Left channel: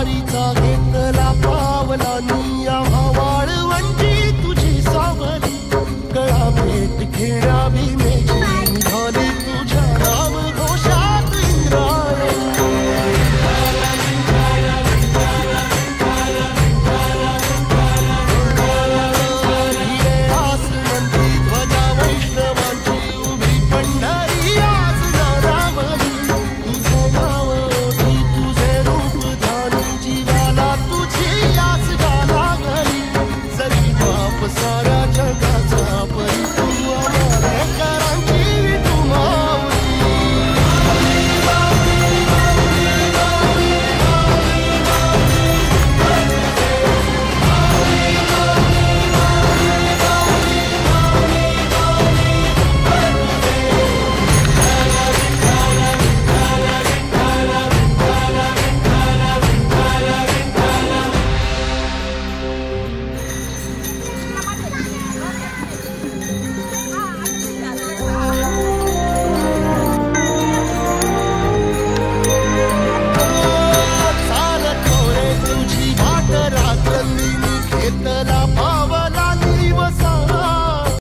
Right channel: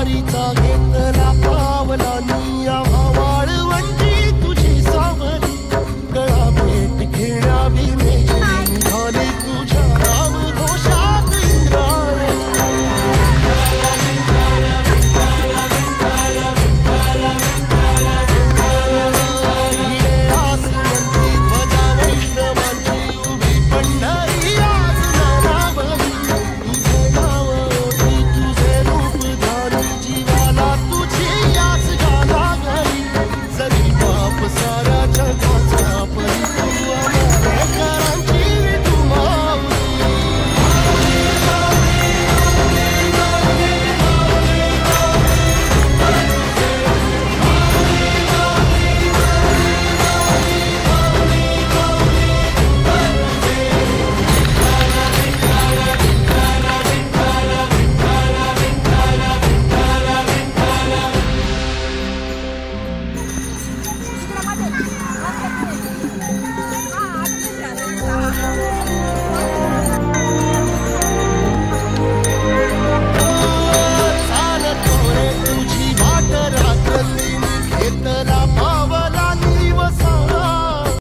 वारीचा घेतला पावलांनी आम्हा वाळवंटी तुझी सावली गळा भेट घेण्या भीमेची निघाली तुझ्या नाम घोषात इंद्रायणी भिडे आसमंती ध्वजा वैष्णवांची उभी पंढरी आज नारावली तुझे नाव ओढी तुझे रूप ध्यानी जीवाला तुझी आस गा लागली जरी बाप साऱ्या जगाचा परी